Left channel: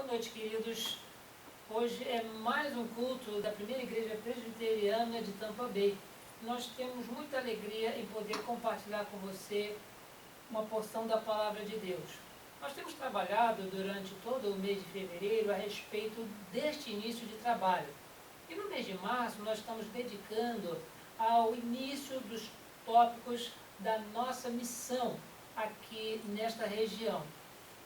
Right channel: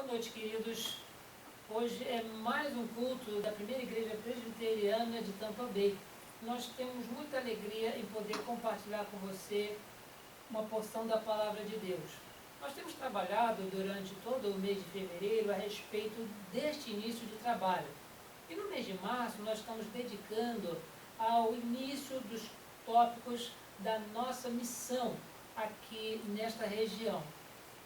Boa noite, queridos. Hoje é mais um culto da Primeira Igreja Presbiteriana de Tampa Bay. Nós temos muita alegria em poder compartilhar com você uma porção da Palavra de Deus. Nós temos trabalhado durante todo o mês de fevereiro a respeito deste início de trabalho. E no mês de março nós estamos dedicando ao início dos tópicos da nossa missão aqui nesta região.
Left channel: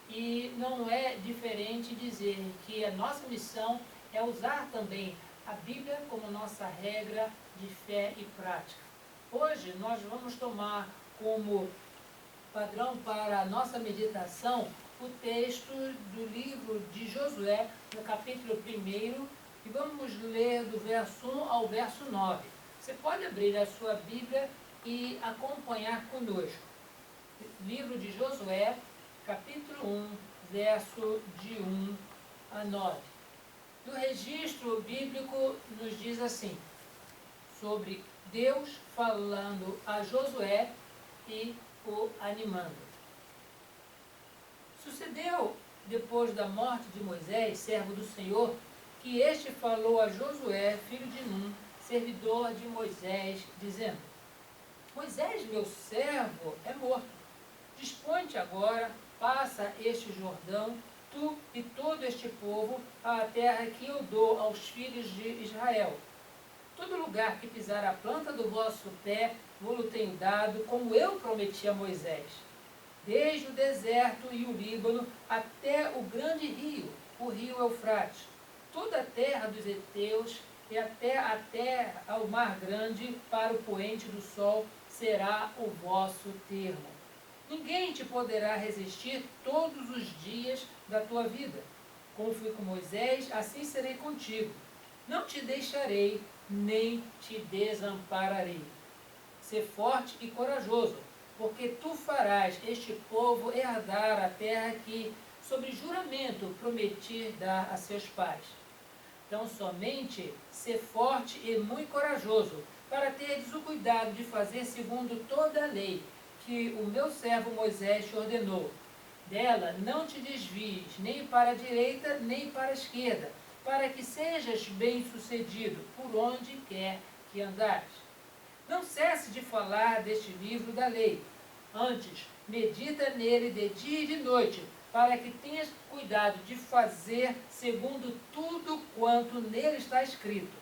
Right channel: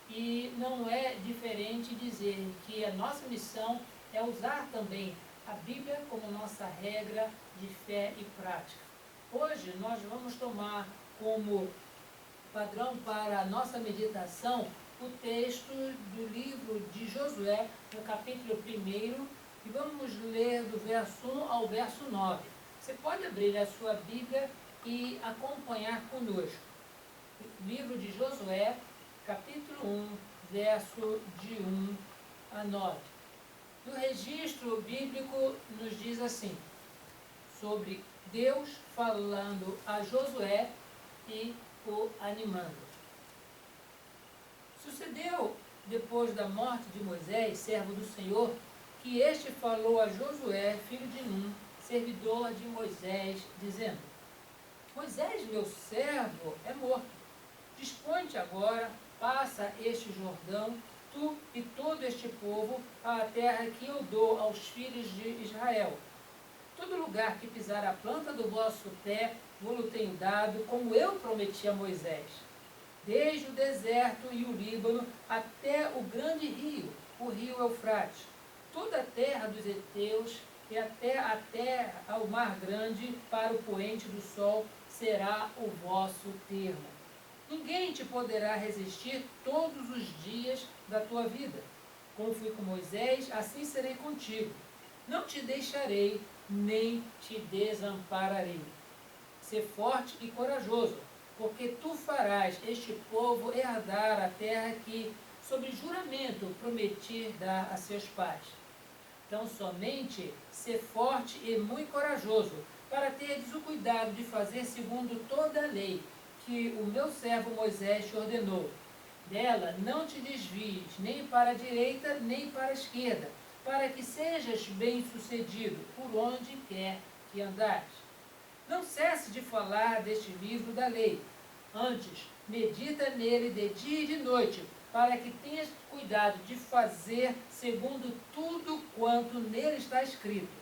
E não é diferente dizer que a nossa missão é usar também a Bíblia como nossa regra de fé e prática. Hoje nós vamos tomar como padrão para a nossa meditação o texto do livro de Josué, no capítulo 1, e vamos ler do verso 1 ao verso 9. Você pode abrir a sua Bíblia e acompanhar conosco. Livro de Josué, capítulo 1, verso de 1 a 9. O registro bíblico nos diz assim, sobre Deus falando a Josué e o animando. Sucedeu, depois da morte de Moisés, servo do Senhor, que este falou a Josué, filho de Num, servidor de Moisés, dizendo: Moisés, meu servo, é morto. Dispõe-te agora, passa este Jordão, tu e todo este povo, à terra que eu dou aos filhos de Israel. Todo lugar que pisar a planta do vosso pé, vou-lo tenho dado, como eu prometi a Moisés. Desde o deserto e o Líbano até o grande rio, o rio Eufrates, toda a terra dos heteus e até a terra ao mar grande, para o poente do sol, será o vosso termo. Ninguém te poderá resistir todos os dias da tua vida. Como fui com Moisés, assim serei contigo. Não te deixarei, nem te desampararei. Sê forte e corajoso, porque tu farás este povo herdar a terra que, sob juramento, prometi dar a seus pais. Então, somente sê forte e muito corajoso, para teres o cuidado de fazer segundo toda a lei que o meu servo Moisés te ordenou. Dela não te desvies, nem para a direita, nem para a esquerda, para que sejas bem-sucedido por onde quer que andares. Não cesse de falar deste livro da lei. Antes, medita nele de dia e de noite, para que tenhas cuidado de fazer segundo tudo quanto nele está escrito.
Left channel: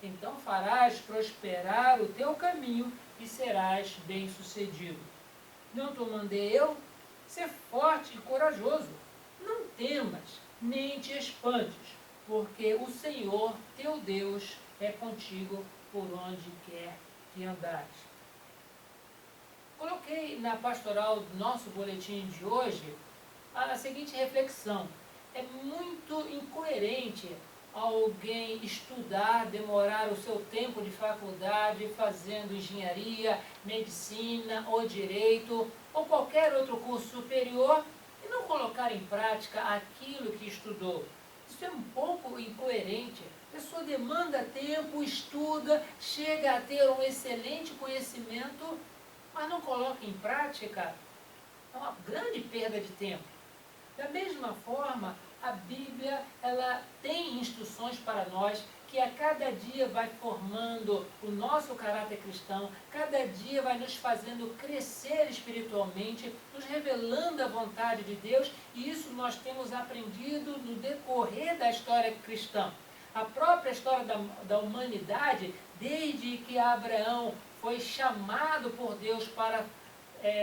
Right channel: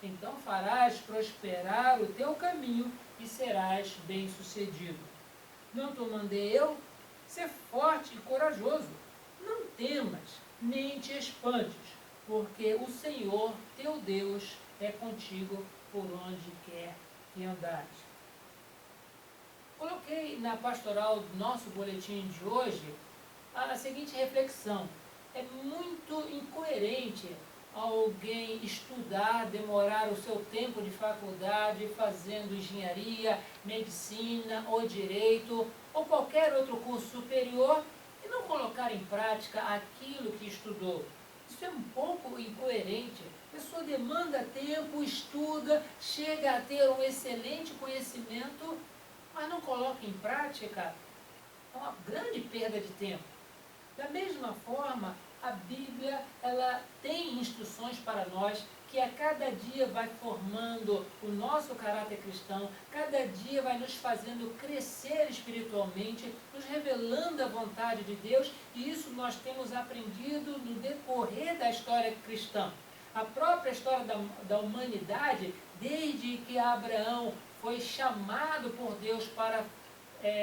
Então farás prosperar o teu caminho e serás bem-sucedido. Não te mandei eu? Ser forte e corajoso. Não temas, nem te espantes, porque o Senhor, teu Deus, é contigo por onde quer que andares. Coloquei na pastoral do nosso boletim de hoje a seguinte reflexão. É muito incoerente alguém estudar, demorar o seu tempo de faculdade fazendo engenharia, medicina ou direito ou qualquer outro curso superior e não colocar em prática aquilo que estudou. Isso é um pouco incoerente. A pessoa demanda tempo, estuda, chega a ter um excelente conhecimento, mas não coloca em prática. É uma grande perda de tempo. Da mesma forma, a Bíblia, ela tem instruções para nós que a cada dia vai formando o nosso caráter cristão, cada dia vai nos fazendo crescer espiritualmente, nos revelando a vontade de Deus, e isso nós temos aprendido no decorrer da história cristã. A própria história da humanidade, desde que Abraão foi chamado por Deus para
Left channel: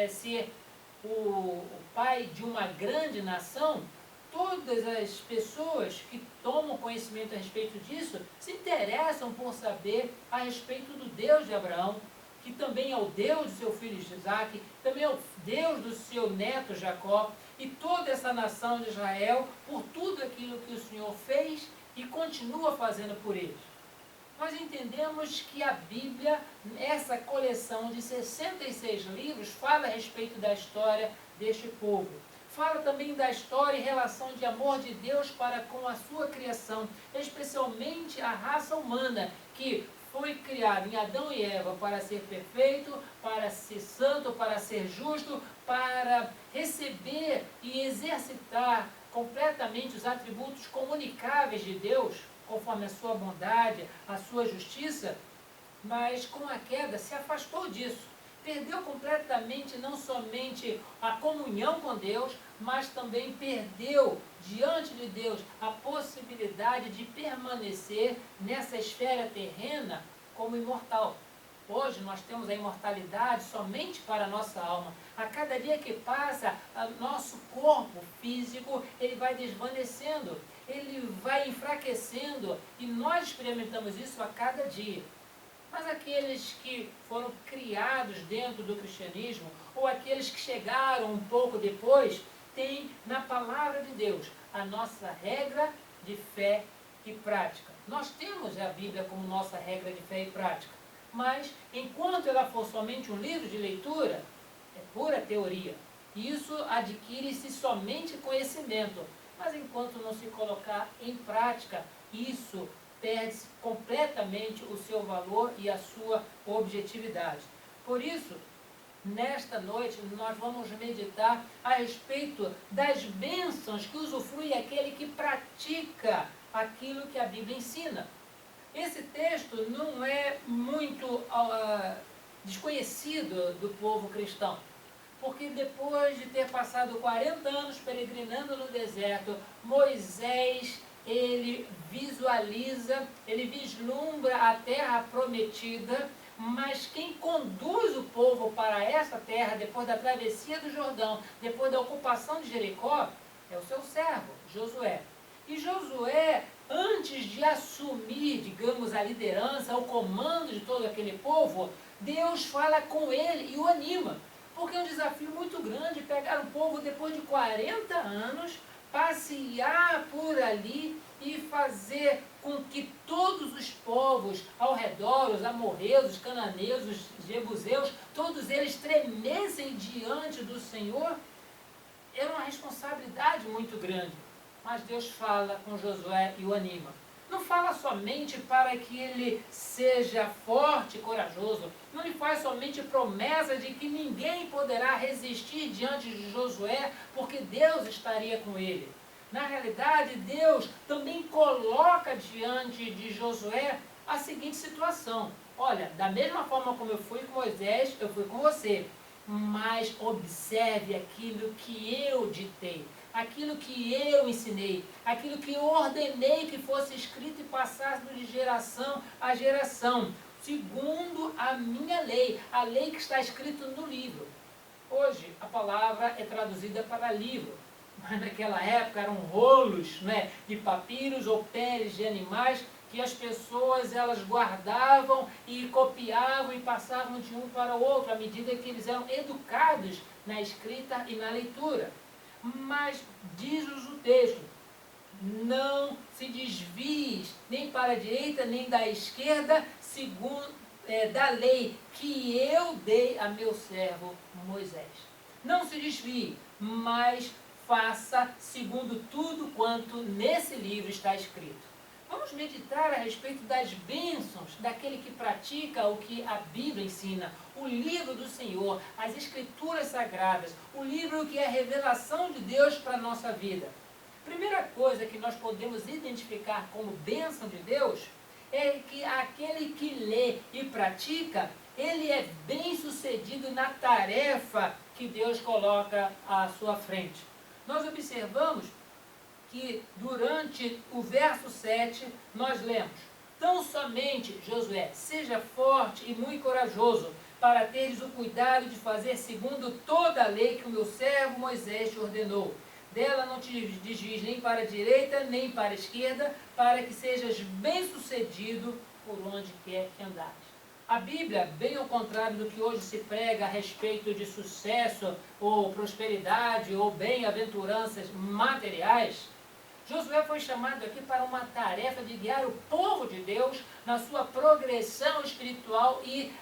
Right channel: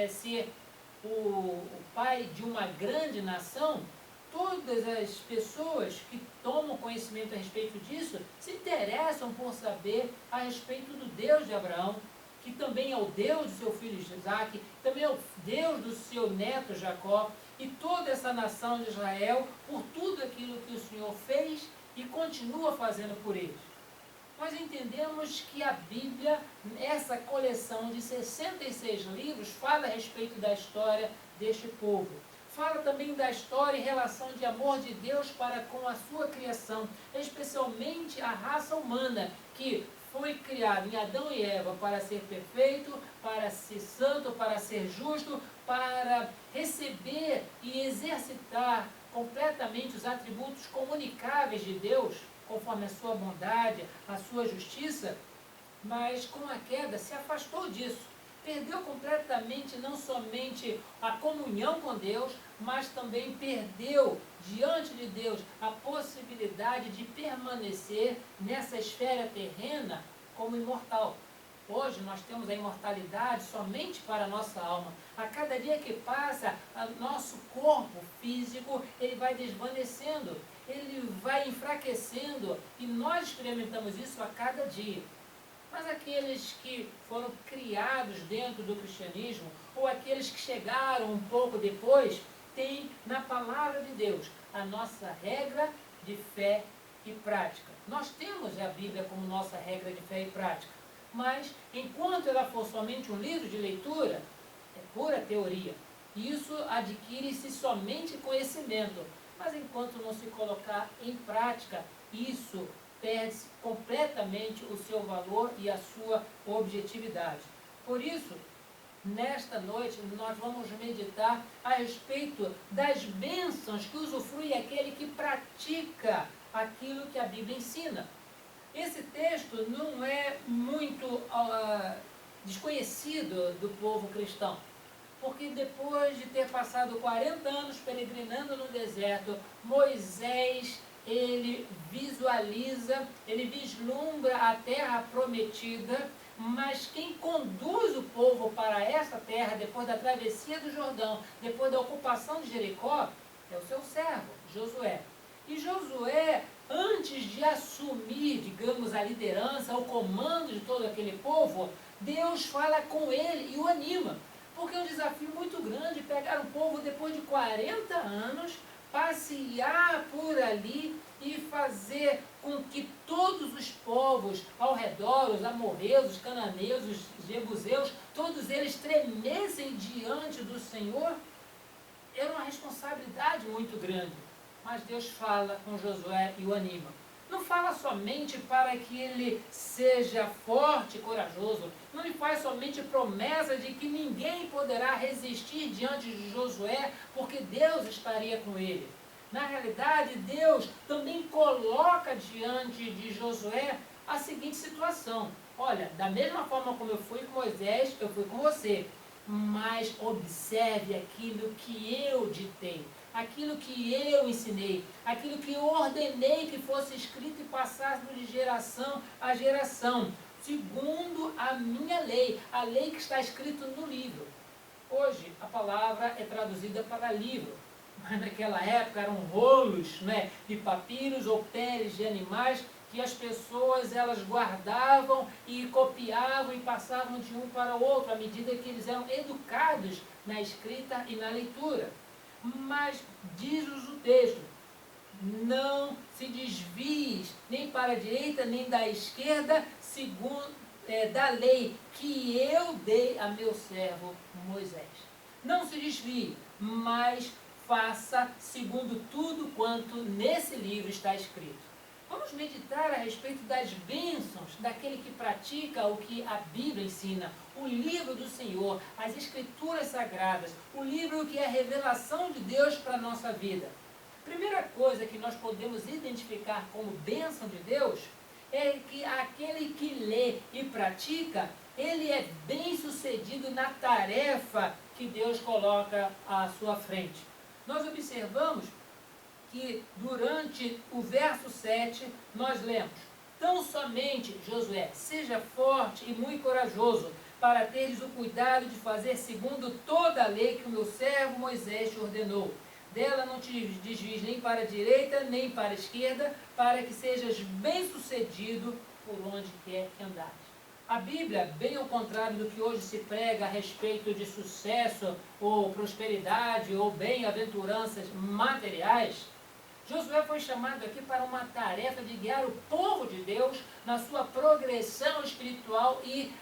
ser o pai de uma grande nação, todas as pessoas que tomam conhecimento a respeito disso se interessam por saber a respeito do Deus de Abraão, que também é o Deus do seu filho Isaac, também é o Deus do seu neto Jacó, e toda essa nação de Israel, por tudo aquilo que o Senhor fez e continua fazendo por eles. Nós entendemos que a Bíblia, essa coleção de 66 livros, fala a respeito da história deste povo. Fala também da história e relação de amor de Deus para com a sua criação, especialmente a raça humana, que foi criada em Adão e Eva para ser perfeito, para ser santo, para ser justo, para receber e exercitar completamente os atributos comunicáveis de Deus, conforme a sua bondade, a sua justiça, mas com a queda se afastou disso. Perdeu completamente não somente a comunhão com Deus, mas também perdeu diante de Deus a possibilidade de permanecer nessa esfera terrena como imortal. Hoje nós temos a imortalidade somente para a nossa alma. A cada dia que passa, o nosso corpo físico ele vai desvanecendo, ele vai enfraquecendo, e nós experimentamos isso a cada dia. Mas aqueles que foram criados dentro do cristianismo, ou aqueles que chegaram um pouco depois, têm na palavra de Deus a nossa regra de fé e prática. Nós temos a Bíblia como nossa regra de fé e prática, mas enquanto ela for somente um livro de leitura, é pura teoria. Isso adquire-se somente conhecimento, mas enquanto não se colocar em prática, isso perde completamente o seu valor e a sua objetividade. Por isso, nesta noite, nós vamos meditar a respeito das bênçãos que usufrui aquele que pratica aquilo que a Bíblia ensina. Esse texto não é muito desconhecido do povo cristão, porque depois de ter passado 40 anos peregrinando no deserto, Moisés ele visualiza, ele vislumbra a terra prometida, mas quem conduz o povo para essa terra, depois da travessia do Jordão, depois da ocupação de Jericó, é o seu servo, Josué. E Josué, antes de assumir, digamos, a liderança, o comando de todo aquele povo, Deus fala com ele e o anima. Porque é um desafio muito grande pegar um povo depois de 40 anos, passear por ali e fazer com que todos os povos ao redor, os amorreus, os cananeus, os jebuseus, todos eles tremessem diante do Senhor. Era uma responsabilidade muito grande. Mas Deus fala com Josué e o anima. Não fala somente para que ele seja forte e corajoso. Não lhe faz somente promessa de que ninguém poderá resistir diante de Josué, porque Deus estaria com ele. Na realidade, Deus também coloca diante de Josué a seguinte situação. Olha, da mesma forma como eu fui com Moisés, eu fui com você. Mas observe aquilo que eu ditei, aquilo que eu ensinei, aquilo que eu ordenei que fosse escrito e passasse de geração a geração, segundo a minha lei, a lei que está escrita no livro. Hoje a palavra é traduzida para livro, mas naquela época eram rolos, né, de papiros ou peles de animais que as pessoas elas guardavam e copiavam e passavam de um para o outro à medida que eles eram educados na escrita e na leitura. Mas diz-nos o texto: não se desvies nem para a direita nem da esquerda, segundo da lei que eu dei a meu servo Moisés. Não se desvie, mas faça segundo tudo quanto nesse livro está escrito. Vamos meditar a respeito das bênçãos daquele que pratica o que a Bíblia ensina, o livro do Senhor, as Escrituras Sagradas, o livro que é a revelação de Deus para a nossa vida. Primeira coisa que nós podemos identificar como bênção de Deus é que aquele que lê e pratica, ele é bem-sucedido na tarefa que Deus coloca à sua frente. Nós observamos que durante o verso 7 nós lemos: tão somente, Josué, seja forte e muito corajoso, para teres o cuidado de fazer segundo toda a lei que o meu servo Moisés te ordenou. Dela não te desvies nem para a direita, nem para a esquerda, para que sejas bem-sucedido por onde quer que andares. A Bíblia, bem ao contrário do que hoje se prega a respeito de sucesso, ou prosperidade, ou bem-aventuranças materiais, Josué foi chamado aqui para uma tarefa de guiar o povo de Deus na sua progressão espiritual e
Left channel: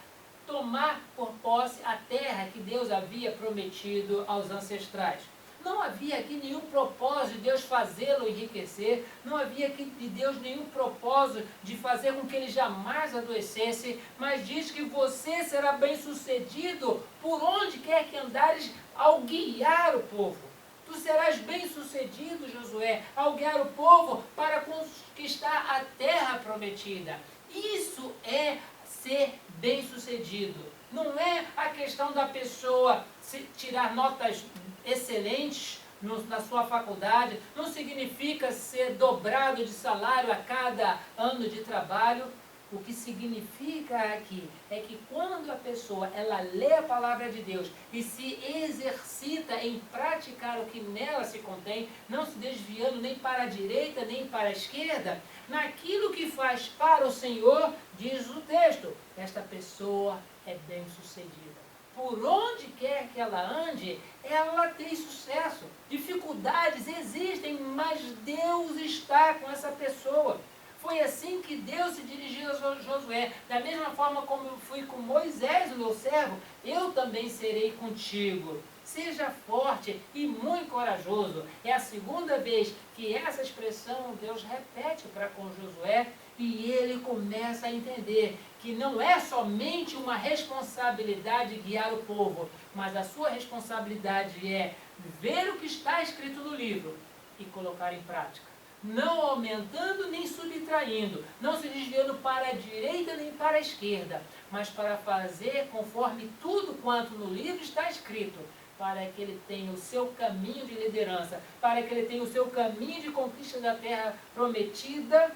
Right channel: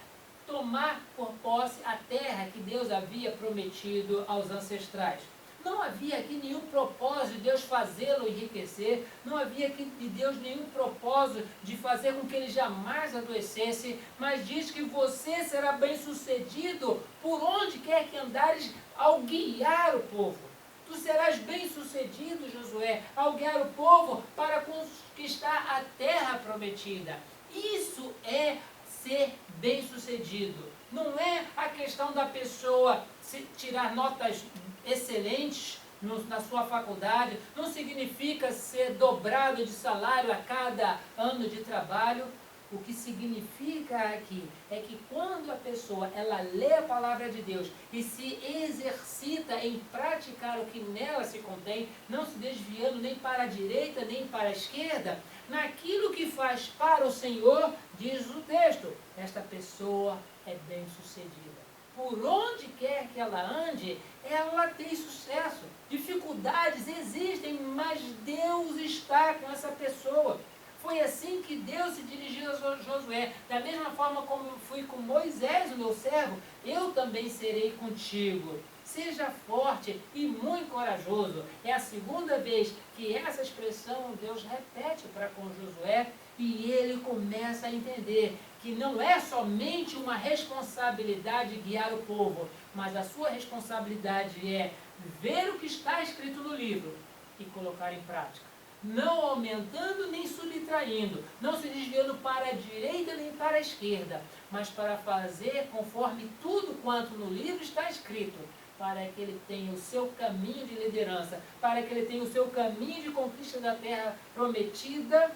tomar por posse a terra que Deus havia prometido aos ancestrais. Não havia aqui nenhum propósito de Deus fazê-lo enriquecer, não havia aqui de Deus nenhum propósito de fazer com que ele jamais adoecesse, mas diz que você será bem-sucedido por onde quer que andares ao guiar o povo. Tu serás bem-sucedido, Josué, ao guiar o povo para conquistar a terra prometida. Isso é ser bem-sucedido. Não é a questão da pessoa tirar notas excelentes na sua faculdade, não significa ser dobrado de salário a cada ano de trabalho. O que significa aqui é que quando a pessoa ela lê a palavra de Deus e se exercita em praticar o que nela se contém, não se desviando nem para a direita nem para a esquerda, naquilo que faz para o Senhor, diz o texto, esta pessoa é bem-sucedida. Por onde quer que ela ande, ela tem sucesso. Dificuldades existem, mas Deus está com essa pessoa. Foi assim que Deus se dirigiu a Josué. Da mesma forma como eu fui com Moisés, o meu servo, eu também serei contigo. Seja forte e muito corajoso. É a segunda vez que essa expressão Deus repete para com Josué e ele começa a entender que não é somente uma responsabilidade guiar o povo, mas a sua responsabilidade é ver o que está escrito no livro e colocar em prática. Não aumentando nem subtraindo, não se desviando para a direita nem para a esquerda, mas para fazer conforme tudo quanto no livro está escrito, para que ele tenha o seu caminho de liderança, para que ele tenha o seu caminho de conquista da terra prometida,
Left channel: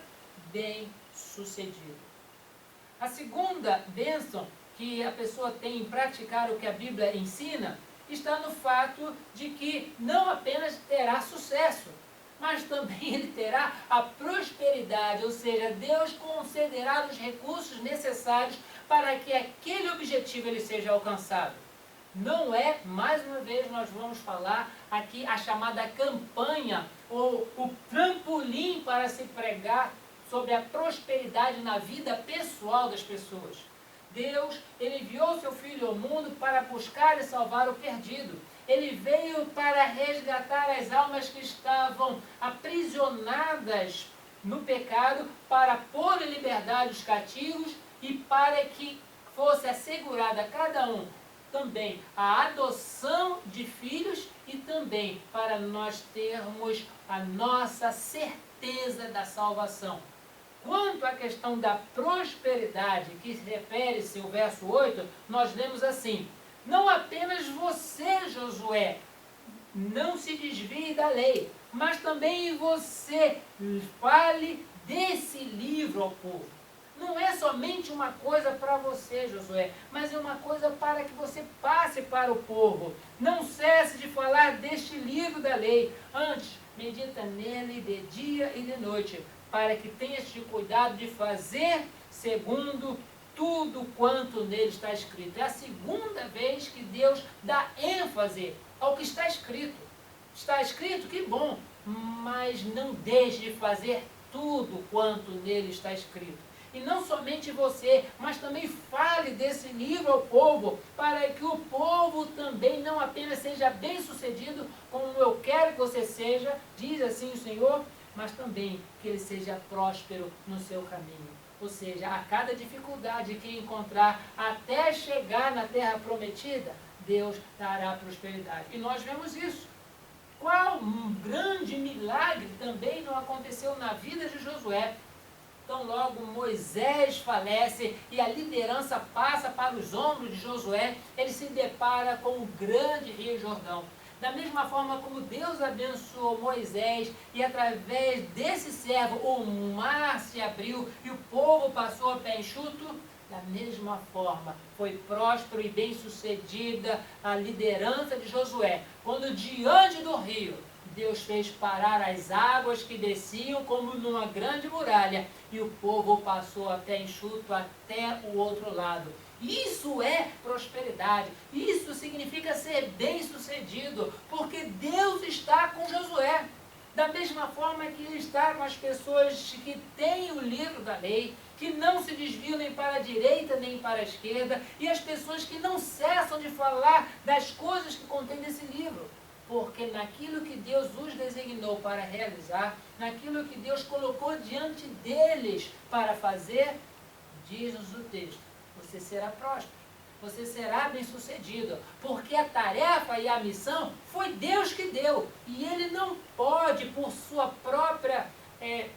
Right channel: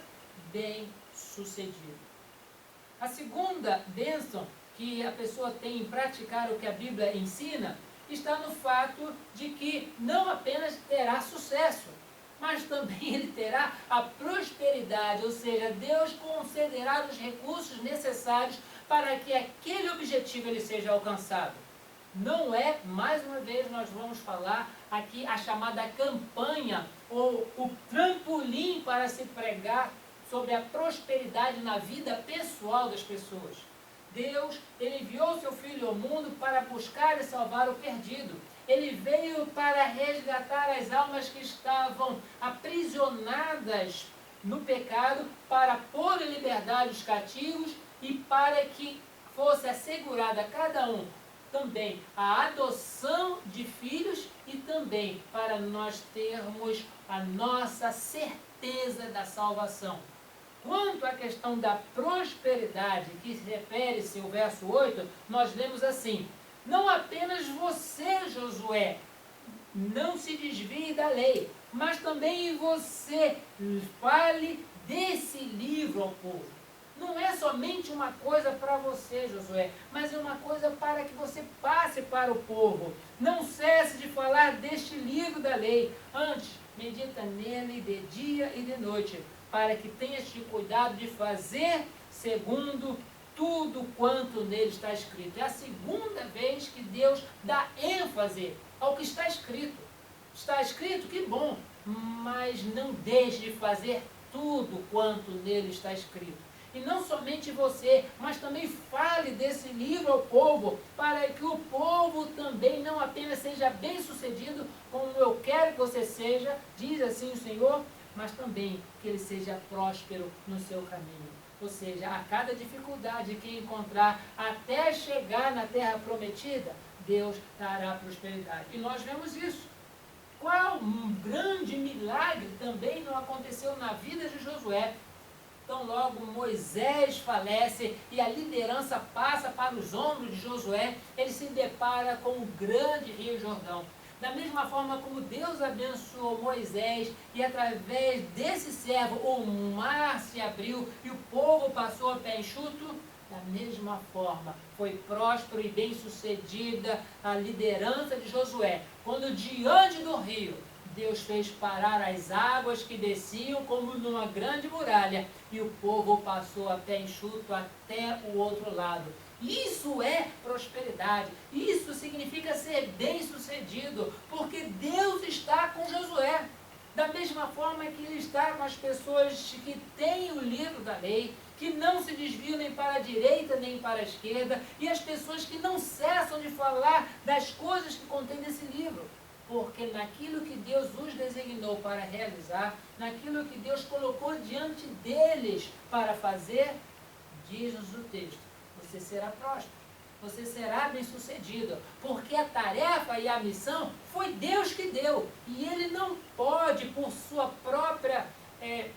bem sucedido. A segunda bênção que a pessoa tem em praticar o que a Bíblia ensina, está no fato de que não apenas terá sucesso, mas também ele terá a prosperidade, ou seja, Deus concederá os recursos necessários para que aquele objetivo ele seja alcançado. Não é, mais uma vez nós vamos falar aqui a chamada campanha, ou o trampolim para se pregar sobre a prosperidade na vida pessoal das pessoas. Deus, ele enviou seu Filho ao mundo para buscar e salvar o perdido. Ele veio para resgatar as almas que estavam aprisionadas no pecado, para pôr em liberdade os cativos e para que fosse assegurada a cada um também a adoção de filhos e também para nós termos a nossa certeza da salvação. Quanto à questão da prosperidade, que se refere-se ao verso 8, nós lemos assim: não apenas você, Josué, não se desvie da lei, mas também você fale desse livro ao povo. Não é somente uma coisa para você, Josué, mas é uma coisa para que você passe para o povo. Não cesse de falar deste livro da lei. Antes, medita nele de dia e de noite, para que tenhas de cuidado de fazer segundo tudo quanto nele está escrito. É a segunda vez que Deus dá ênfase ao que está escrito. Está escrito, que bom, mas não deixe de fazer tudo quanto nele está escrito. E não somente você, mas também fale desse livro ao povo, para que o povo também não apenas seja bem-sucedido, como eu quero que você seja, diz assim o Senhor, mas também que ele seja próspero no seu caminho. Ou seja, a cada dificuldade que encontrar até chegar na terra prometida, Deus dará prosperidade. E nós vemos isso. Qual um grande milagre também não aconteceu na vida de Josué. Então logo Moisés falece e a liderança passa para os ombros de Josué, ele se depara com o grande rio Jordão. Da mesma forma como Deus abençoou Moisés e através desse servo o mar se abriu e o povo passou a pé enxuto, da mesma forma foi próspero e bem sucedida a liderança de Josué, quando diante do rio Deus fez parar as águas que desciam como numa grande muralha e o povo passou a pé enxuto até o outro lado. Isso é prosperidade, isso significa ser bem-sucedido, porque Deus está com Josué. Da mesma forma que Ele está com as pessoas que têm o livro da lei, que não se desviam nem para a direita nem para a esquerda, e as pessoas que não cessam de falar das coisas que contém nesse livro. porque naquilo que Deus os designou para realizar, naquilo que Deus colocou diante deles para fazer, diz-nos o texto, você será próspero, você será bem-sucedido, porque a tarefa e a missão foi Deus que deu, e Ele não pode, por sua própria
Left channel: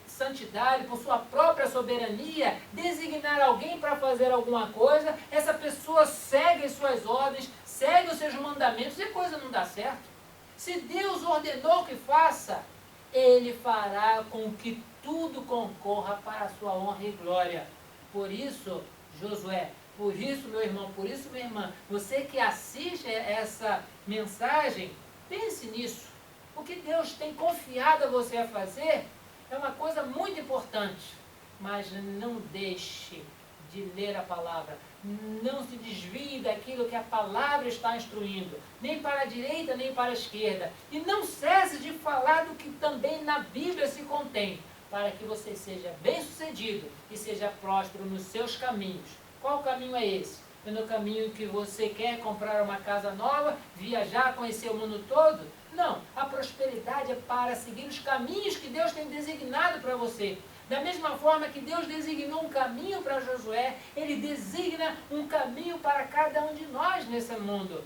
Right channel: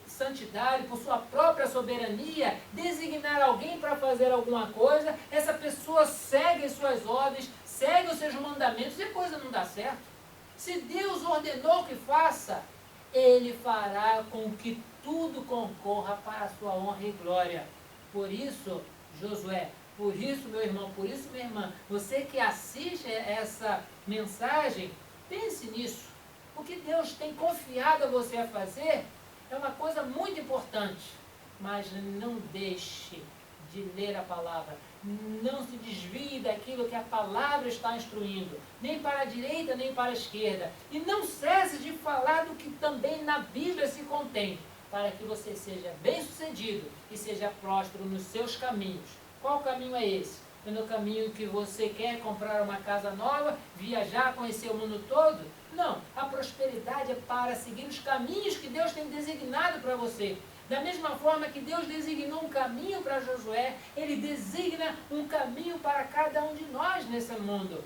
santidade, por sua própria soberania, designar alguém para fazer alguma coisa, essa pessoa segue as suas ordens, segue os seus mandamentos e a coisa não dá certo. Se Deus ordenou que faça, Ele fará com que tudo concorra para a sua honra e glória. Por isso, Josué, por isso, meu irmão, por isso, minha irmã, você que assiste essa mensagem, pense nisso. O que Deus tem confiado a você a fazer é uma coisa muito importante, mas não deixe de ler a palavra. Não se desvie daquilo que a palavra está instruindo, nem para a direita, nem para a esquerda. E não cesse de falar do que também na Bíblia se contém, para que você seja bem-sucedido e seja próspero nos seus caminhos. Qual caminho é esse? É no caminho que você quer comprar uma casa nova, viajar, conhecer o mundo todo? Não, a prosperidade é para seguir os caminhos que Deus tem designado para você. Da mesma forma que Deus designou um caminho para Josué, Ele designa um caminho para cada um de nós nesse mundo.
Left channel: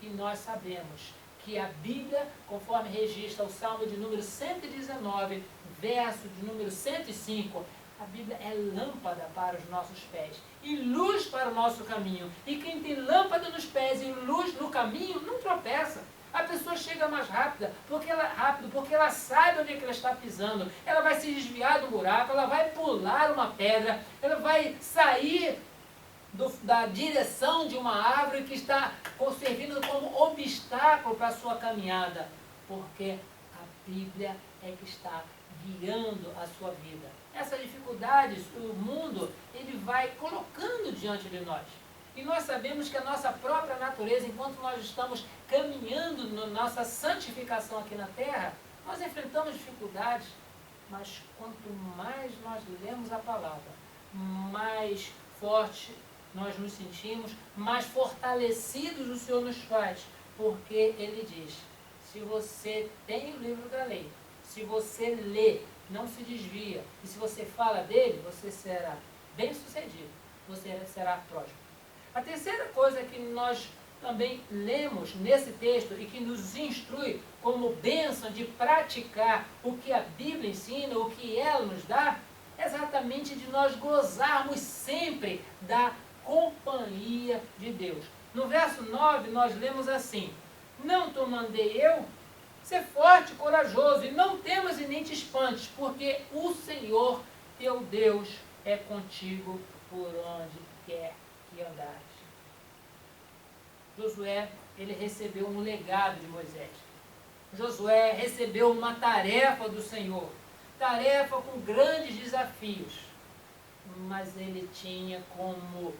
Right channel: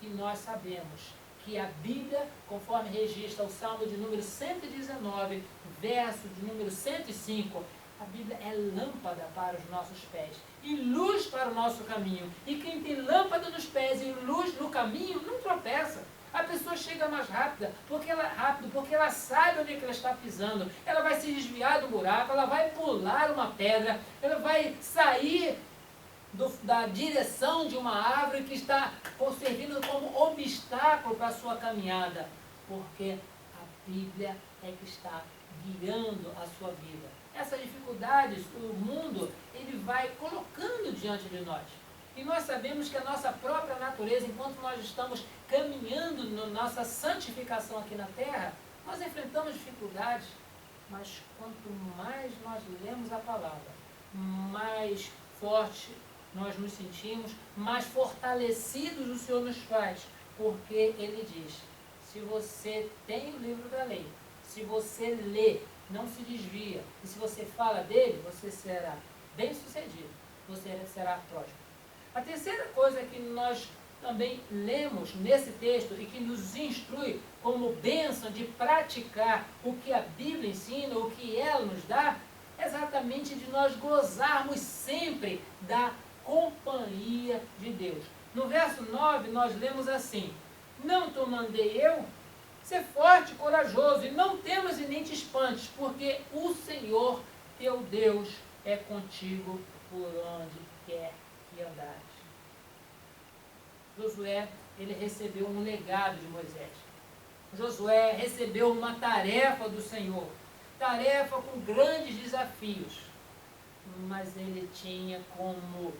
E nós sabemos que a Bíblia, conforme registra o Salmo de número 119, verso de número 105, a Bíblia é lâmpada para os nossos pés e luz para o nosso caminho. E quem tem lâmpada nos pés e luz no caminho, não tropeça. A pessoa chega mais rápido, porque ela sabe onde é que ela está pisando. Ela vai se desviar do buraco, ela vai pular uma pedra, ela vai sair da direção de uma árvore que está servindo como obstáculo para a sua caminhada. Porque a Bíblia é que está guiando a sua vida. Essas dificuldades, o mundo, ele vai colocando diante de nós. E nós sabemos que a nossa própria natureza, enquanto nós estamos caminhando na nossa santificação aqui na terra, nós enfrentamos dificuldades, mas quanto mais nós lemos a palavra, mais forte nós nos sentimos, mais fortalecidos o Senhor nos faz, porque Ele diz, se você tem o livro da lei, se você lê, não se desvia, e se você fala dele, você será bem-sucedido, você será próspero. A terceira coisa que nós também lemos nesse texto e que nos instrui como bênção de praticar o que a Bíblia ensina, o que ela nos dá, é exatamente de nós gozarmos sempre da companhia de Deus. No verso 9 nós lemos assim, não te mandei eu? Ser forte e corajoso, e não temas e nem te espantes, porque o Senhor teu Deus é contigo por onde quer que andares. Josué, ele recebeu um legado de Moisés. Josué recebeu uma tarefa do Senhor, tarefa com grandes desafios, mas ele tinha como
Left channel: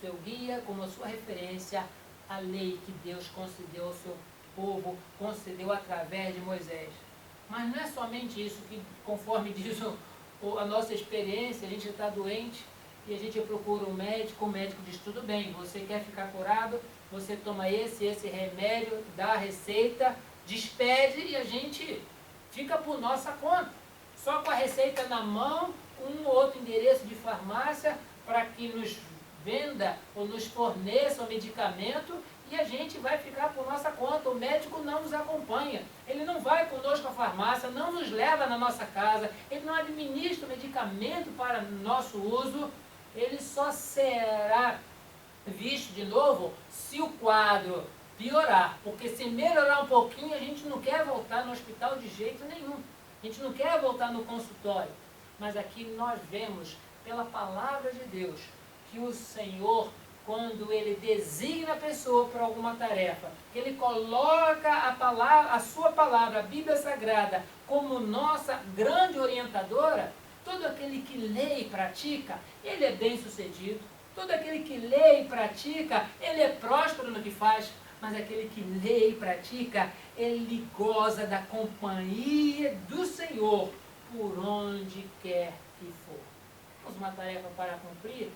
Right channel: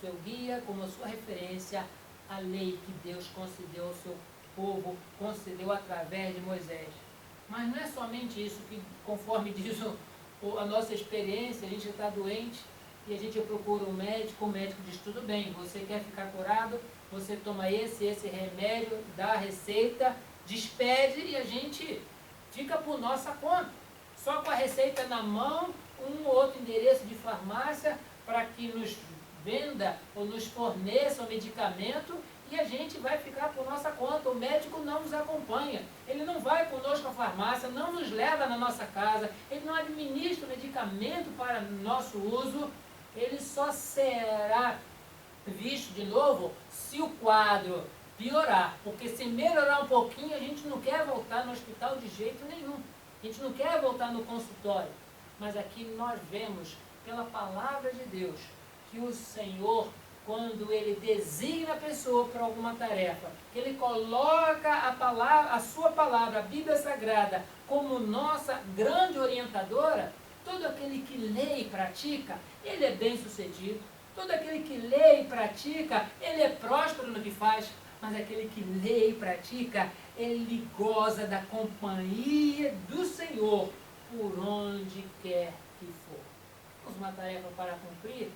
seu guia, como sua referência, a lei que Deus concedeu ao seu povo, concedeu através de Moisés. Mas não é somente isso, que conforme diz a nossa experiência, a gente está doente e a gente procura um médico, o médico diz, tudo bem, você quer ficar curado, você toma esse remédio, dá a receita, despede e a gente fica por nossa conta. Só com a receita na mão, um ou outro endereço de farmácia para que nos venda ou nos forneça o medicamento e a gente vai ficar por nossa conta. O médico não nos acompanha, ele não vai conosco à farmácia, não nos leva na nossa casa, ele não administra o medicamento para nosso uso, ele só será visto de novo se o quadro piorar, porque se melhorar um pouquinho a gente não quer voltar no hospital de jeito nenhum, a gente não quer voltar no consultório, mas aqui nós vemos pela palavra de Deus que o Senhor, quando Ele designa a pessoa para alguma tarefa, que Ele coloca a sua palavra, a Bíblia Sagrada, como nossa grande orientadora, todo aquele que lê e pratica, ele é bem-sucedido. Todo aquele que lê e pratica, ele é próspero no que faz. Mas aquele que lê e pratica, ele goza da companhia do Senhor por onde quer que for. Temos uma tarefa para cumprir?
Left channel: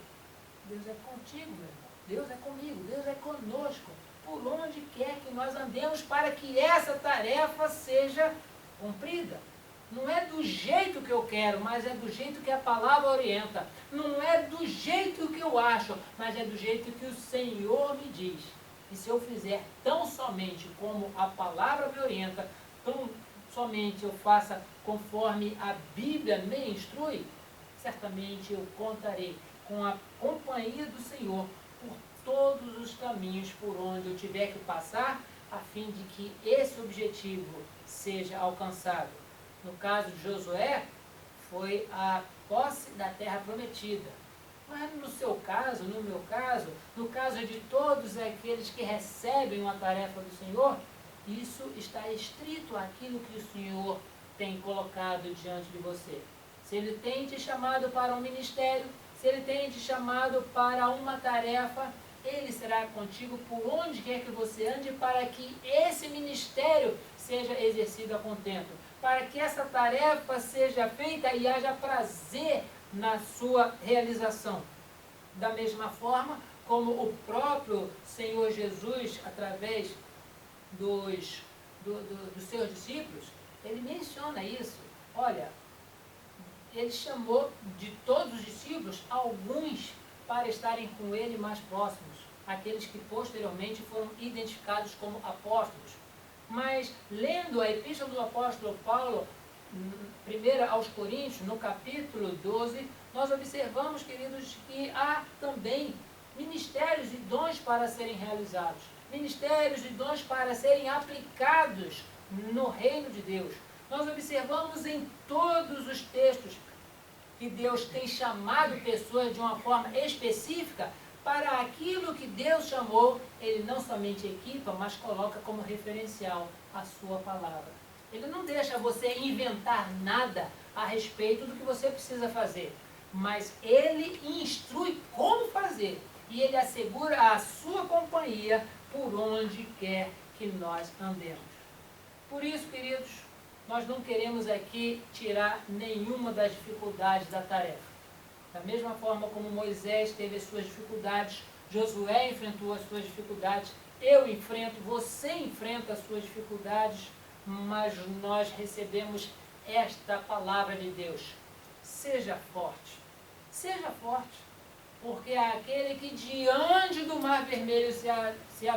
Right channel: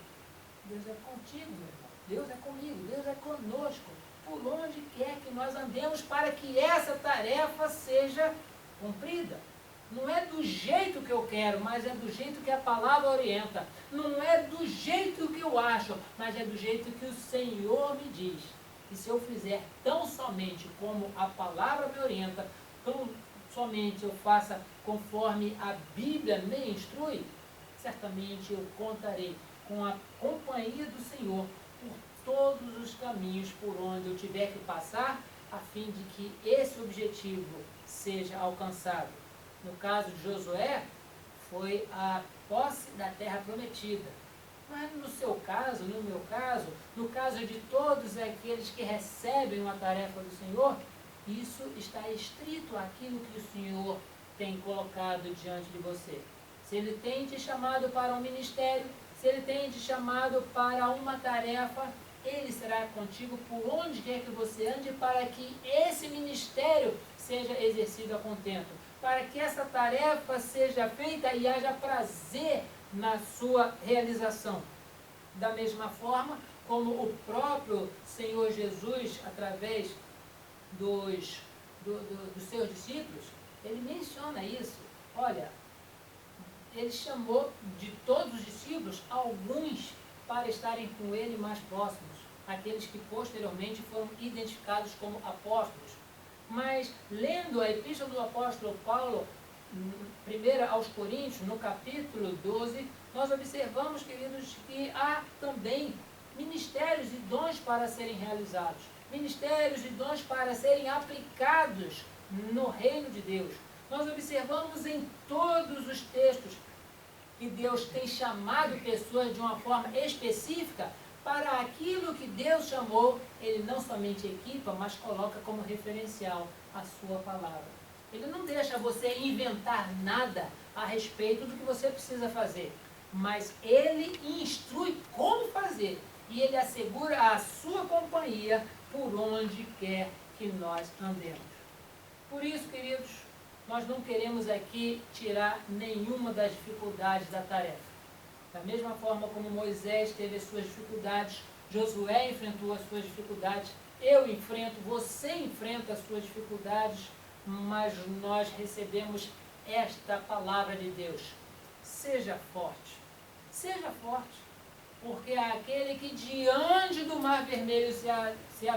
Deus é contigo, meu irmão. Deus é comigo, Deus é conosco. por onde quer que nós andemos para que essa tarefa seja cumprida. Não é do jeito que eu quero, mas é do jeito que a palavra orienta. Não é do jeito que eu acho, mas é do jeito que o Senhor me diz. E se eu fizer tão somente como a palavra me orienta, tão somente eu faça conforme a Bíblia me instrui, certamente eu contarei com a companhia do Senhor por todos os caminhos por onde eu tiver que passar, a fim de que esse objetivo seja alcançado. No caso de Josué, foi a posse da terra prometida. Mas no seu caso, no meu caso, no caso de todos aqueles que recebem uma tarefa do Senhor, isso está estrito àquilo que o Senhor tem colocado diante de você. Se Ele tem te chamado para um ministério, se Ele tem te chamado para uma tarefa, Ele será contigo por onde quer que você ande para que esse ministério seja exercido a contento, para que essa tarefa seja feita e haja prazer na sua realização. Da mesma forma como o próprio Senhor Jesus, através dos seus discípulos, Ele menciona isso. Olha, Ele chamou de todos os discípulos alguns para estarem com Ele mais próximos, aqueles que posteriormente foram identificados como apóstolos. Mas, lendo a epístola do apóstolo Paulo, 1 aos Coríntios, no capítulo 12, nós observamos, queridos, que há também ministérios e dons para serem realizados, ministérios e dons para serem aplicados no reino de Deus. Nós observamos em todos os textos que Deus tem chamado pessoas de uma forma específica para aquilo que Deus chamou. Ele não somente equipa, mas coloca como referencial a sua palavra. Ele não deixa você inventar nada a respeito do que você precisa fazer, mas Ele instrui como fazer e Ele assegura a sua companhia por onde quer que nós andemos. Por isso, queridos, nós não queremos aqui tirar nenhuma das dificuldades da tarefa. Da mesma forma como Moisés teve as suas dificuldades, Josué enfrentou as suas dificuldades, eu enfrento, você enfrenta as suas dificuldades, mas nós recebemos esta palavra de Deus. Seja forte, porque aquele que diante do Mar Vermelho se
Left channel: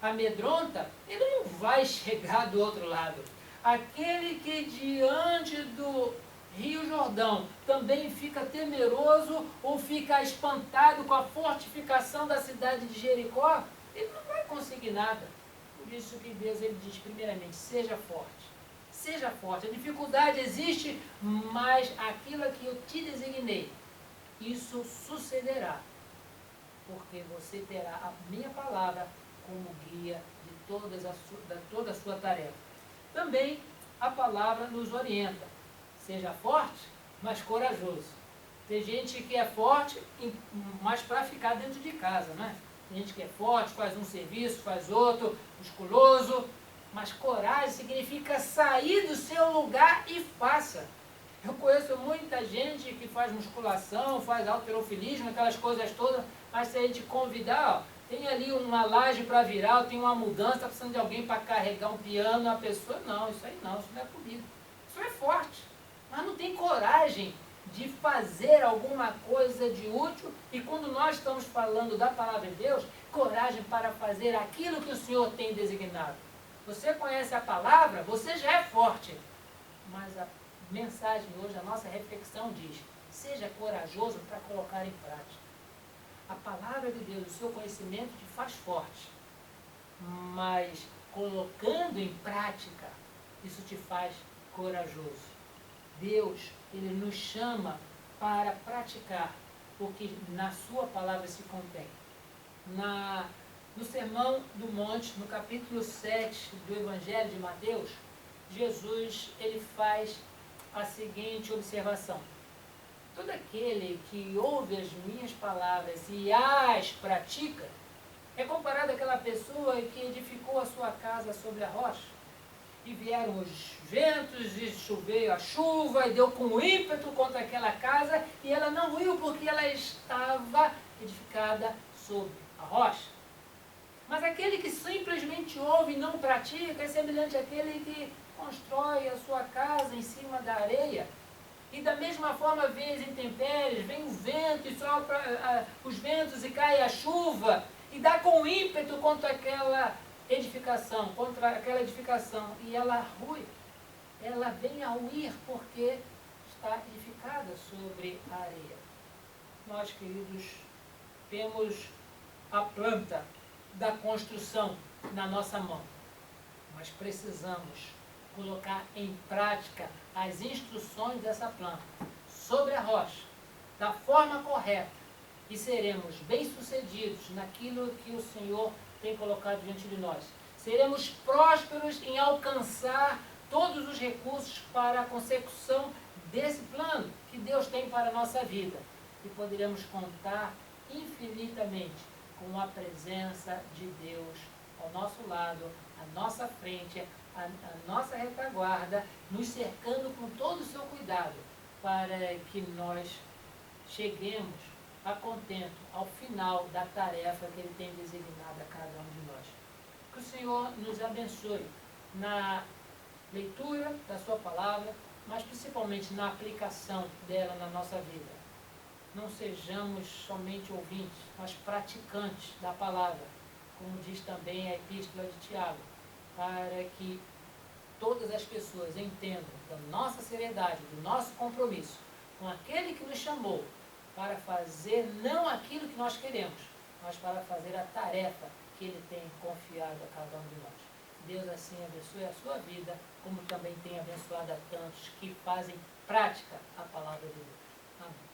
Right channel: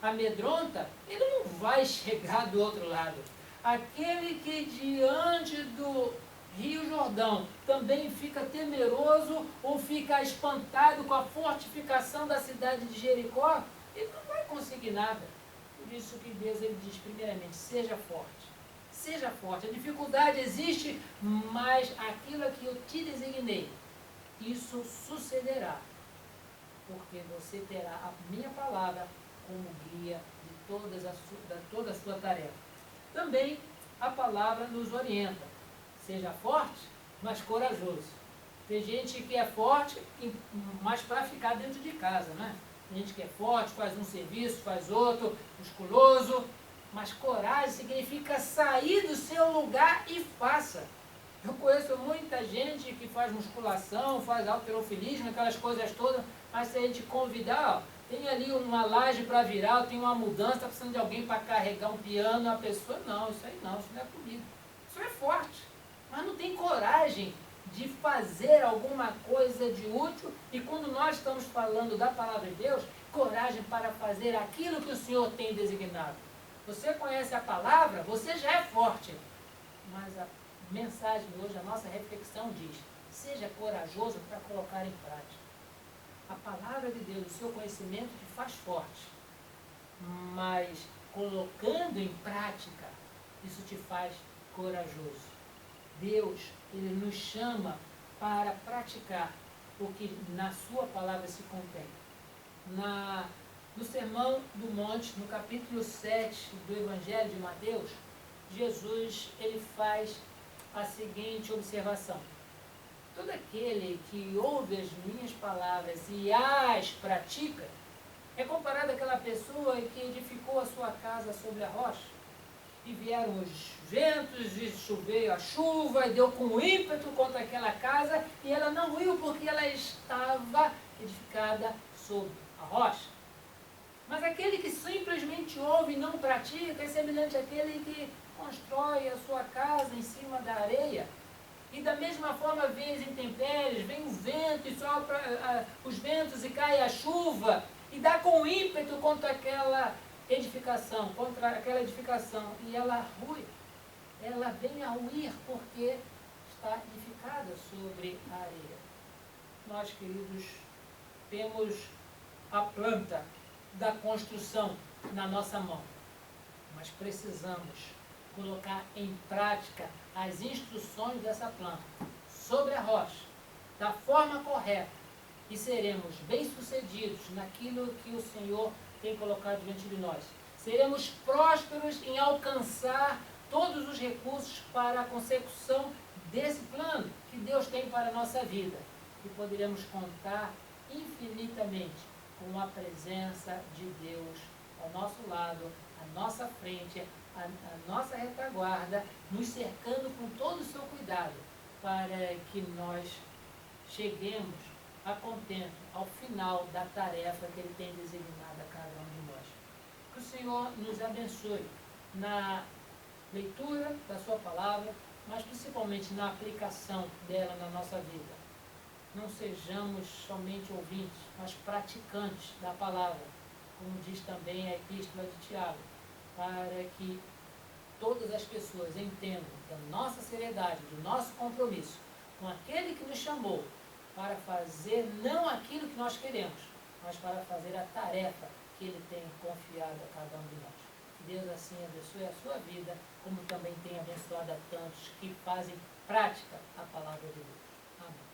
amedronta, ele não vai chegar do outro lado. Aquele que diante do Rio Jordão também fica temeroso ou fica espantado com a fortificação da cidade de Jericó, ele não vai conseguir nada. Por isso que Deus ele diz primeiramente, seja forte. Seja forte. A dificuldade existe, mas aquilo que eu te designei, isso sucederá. Porque você terá a minha palavra como guia de toda a sua tarefa. Também a palavra nos orienta. Seja forte, mas corajoso. Tem gente que é forte, mas para ficar dentro de casa, né? Tem gente que é forte, faz um serviço, faz outro, musculoso, mas coragem significa sair do seu lugar e faça. Eu conheço muita gente que faz musculação, faz halterofilismo, aquelas coisas todas, mas se a gente convidar, ó, tem ali uma laje para virar, tem uma mudança, está precisando de alguém para carregar um piano, a pessoa, não, isso não é comigo. Isso é forte, mas não tem coragem de fazer alguma coisa de útil, e quando nós estamos falando da palavra de Deus, coragem para fazer aquilo que o Senhor tem designado. Você conhece a palavra, você já é forte, mas a mensagem hoje, a nossa reflexão diz, seja corajoso para colocar em prática. A palavra de Deus, o seu conhecimento te faz forte, mas colocando em prática, isso te faz corajoso. Deus, Ele nos chama para praticar o que na sua palavra se contém. No Sermão do Monte, no capítulo 7 do Evangelho de Mateus, Jesus ele faz a seguinte observação. Todo aquele que ouve as minhas palavras e as pratica, é comparado àquela pessoa que edificou a sua casa sobre a rocha. E vieram os ventos, e choveu a chuva, e deu com ímpeto contra aquela casa, e ela não ruiu porque ela estava edificada sobre a rocha. Mas aquele que simplesmente ouve e não pratica é semelhante àquele que constrói a sua casa em cima da areia. E da mesma forma vem as intempéries, vem o vento e sopra os ventos e cai a chuva e dá com ímpeto contra aquela edificação, e ela rui. Ela vem a ruir porque está edificada sobre a areia. Nós, queridos, temos a planta da construção na nossa mão, mas precisamos colocar em prática as instruções dessa planta sobre a rocha, da forma correta, e seremos bem-sucedidos naquilo que o Senhor tem colocado diante de nós. Seremos prósperos em alcançar todos os recursos para a consecução desse plano que Deus tem para a nossa vida. E poderemos contar infinitamente com a presença de Deus ao nosso lado, à nossa frente, à nossa retaguarda, nos cercando com todo o seu cuidado, para que nós cheguemos a contento ao final da tarefa que Ele tem designado a cada um de nós. Que o Senhor nos abençoe na leitura da sua palavra, mas principalmente na aplicação dela na nossa vida. Não sejamos somente ouvintes, mas praticantes da palavra, como diz também a epístola de Tiago, para que todas as pessoas entendam da nossa seriedade, do nosso compromisso com aquele que nos chamou para fazer não aquilo que nós queremos, mas para fazer a tarefa que Ele tem confiado a cada um de nós. Que Deus assim abençoe a sua vida, como também tem abençoado a tantos que fazem prática a palavra de Deus. Amém.